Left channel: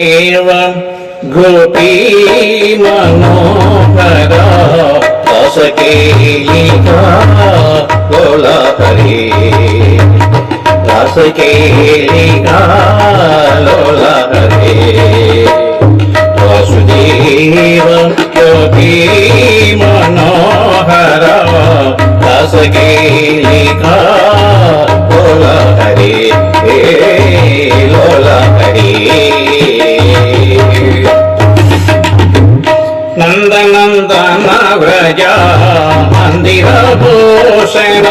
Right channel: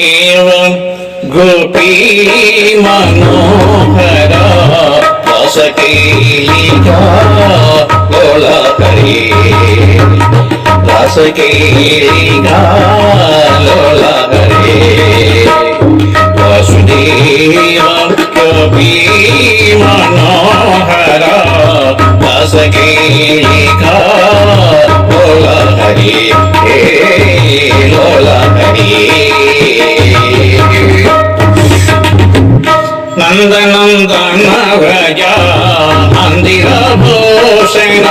एवं गोपी मनोहर रसकेलिका लोला हरे रसकेलिका लोला हरे वासुदेव गोपी मनोहर रसकेलिका लोला हरे हे लोला हरे नंदनंदन व्रज मंदिर भूषण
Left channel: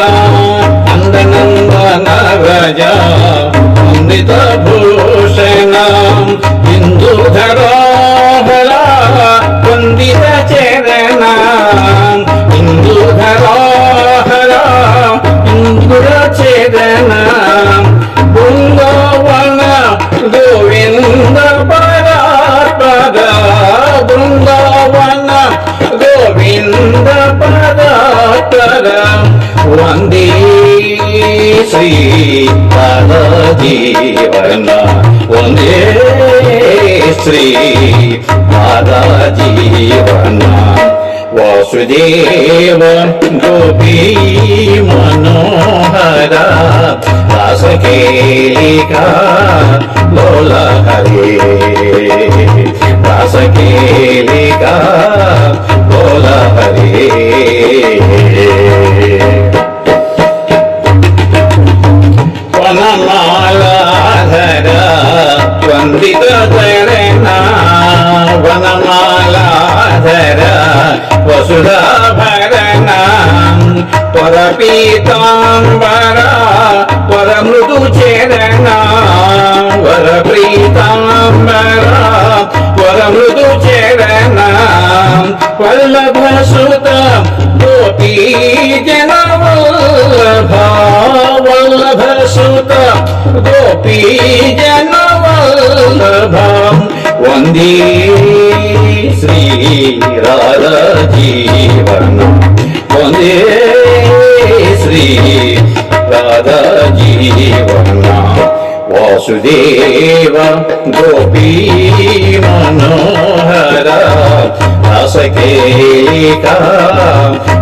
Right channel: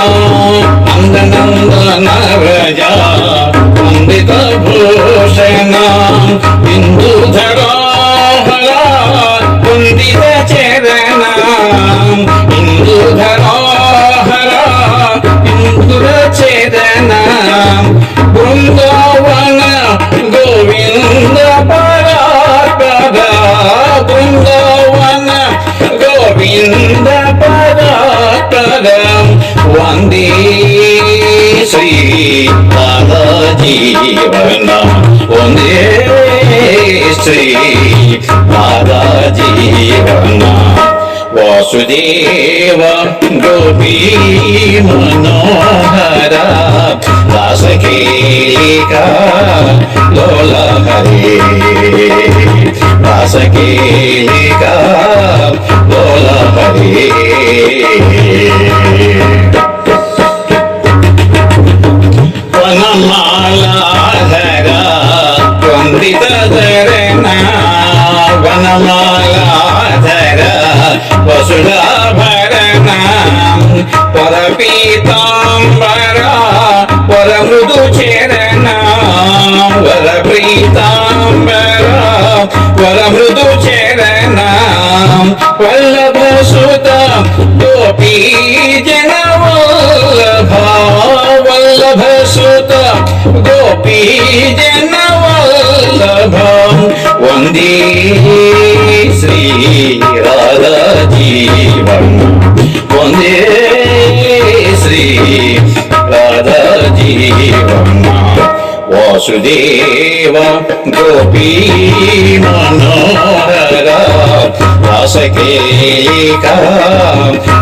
नंदनंदन व्रज मंदिर भूषण इंदुधर हरा वंदित चरण इंदुधर हरा इंदुर चरण बृंदावन गोविंद परात्पर बृंदावन गोविंद परात्पर वंदे श्री राधा जीवन वंदे श्री राधा जीवन वासुदेव गोपी मनोहर रसकेलिका लोला हरे रसकेलिका लोला हरे वनमालाधर वंदित धरणा वनमालाधर वसुधाभरण परपीतांबरा वरमृदुचरण वरप्रीतांबरा वरमृदुचरण वल्लभसुत गोपी जनवल्लभ वल्लभसुत गोपी जनवल्लभ वंदे श्री राधा जीवन वंदे श्री राधा जीवन वासुदेव गोपी मनोहर रसकेलिका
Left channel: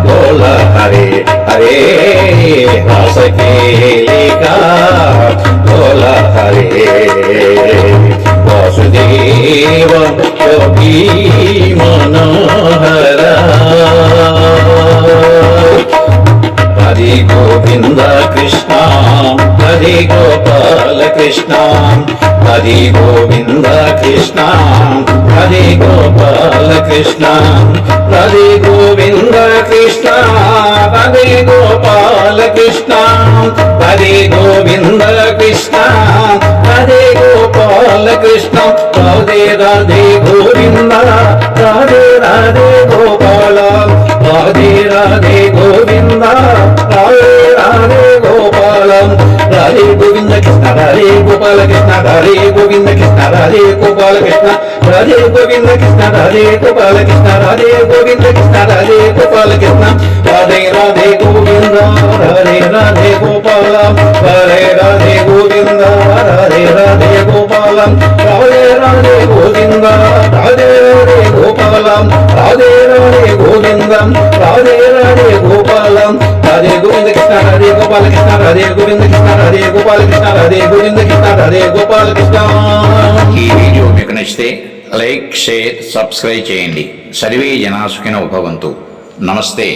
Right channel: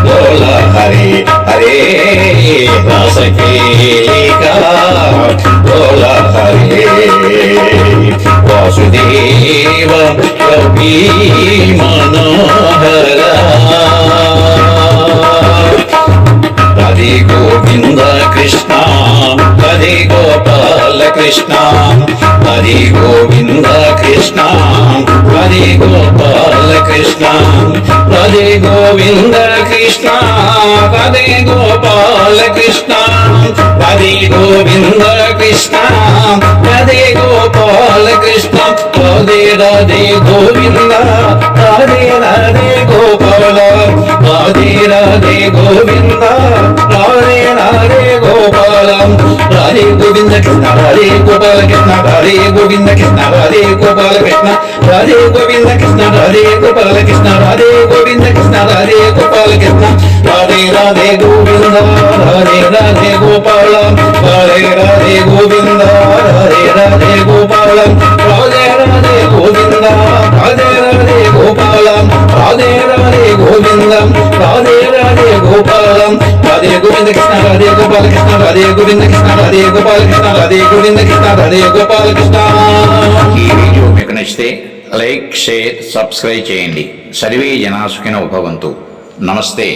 लोला हरे हरे रसकेलिका लोला हरे वासुदेव गोपी मनोहर राधे गोविंद कृष्ण राधे गोपाल कृष्ण राधे गोविंद कृष्ण राधे गोपाल कृष्ण राधे गोविंद कृष्ण राधे गोपाल कृष्ण राधे गोविंद कृष्ण राधे गोपाल कृष्ण राधे राधे गोविंद राधे राधे गोपाल राधे राधे गोविंद राधे राधे गोपाल राधे गोविंद कृष्ण राधे गोपाल कृष्ण राधे गोविंद कृष्ण राधे गोपाल कृष्ण राधे गोविंद कृष्ण राधे गोपाल कृष्ण राधे गोविंद कृष्ण राधे गोपाल कृष्ण राधे राधे गोविंद राधे राधे गोपाल राधे राधे गोविंद राधे राधे गोपाल राधे राधे गोविंद राधे राधे गोपाल राधे राधे गोविंद राधे राधे गोपाल राधे गोविंद कृष्ण राधे गोपाल कृष्ण राधे गोविंद कृष्ण राधे गोपाल कृष्ण राधे गोविंद कृष्ण राधे गोपाल कृष्ण। ఈ వీడియో మీకు నచ్చితే లైక్ షేర్ సబ్స్క్రైబ్ చేయండి. సర్వే జనా సుఖినో భవంతు. నమస్తే.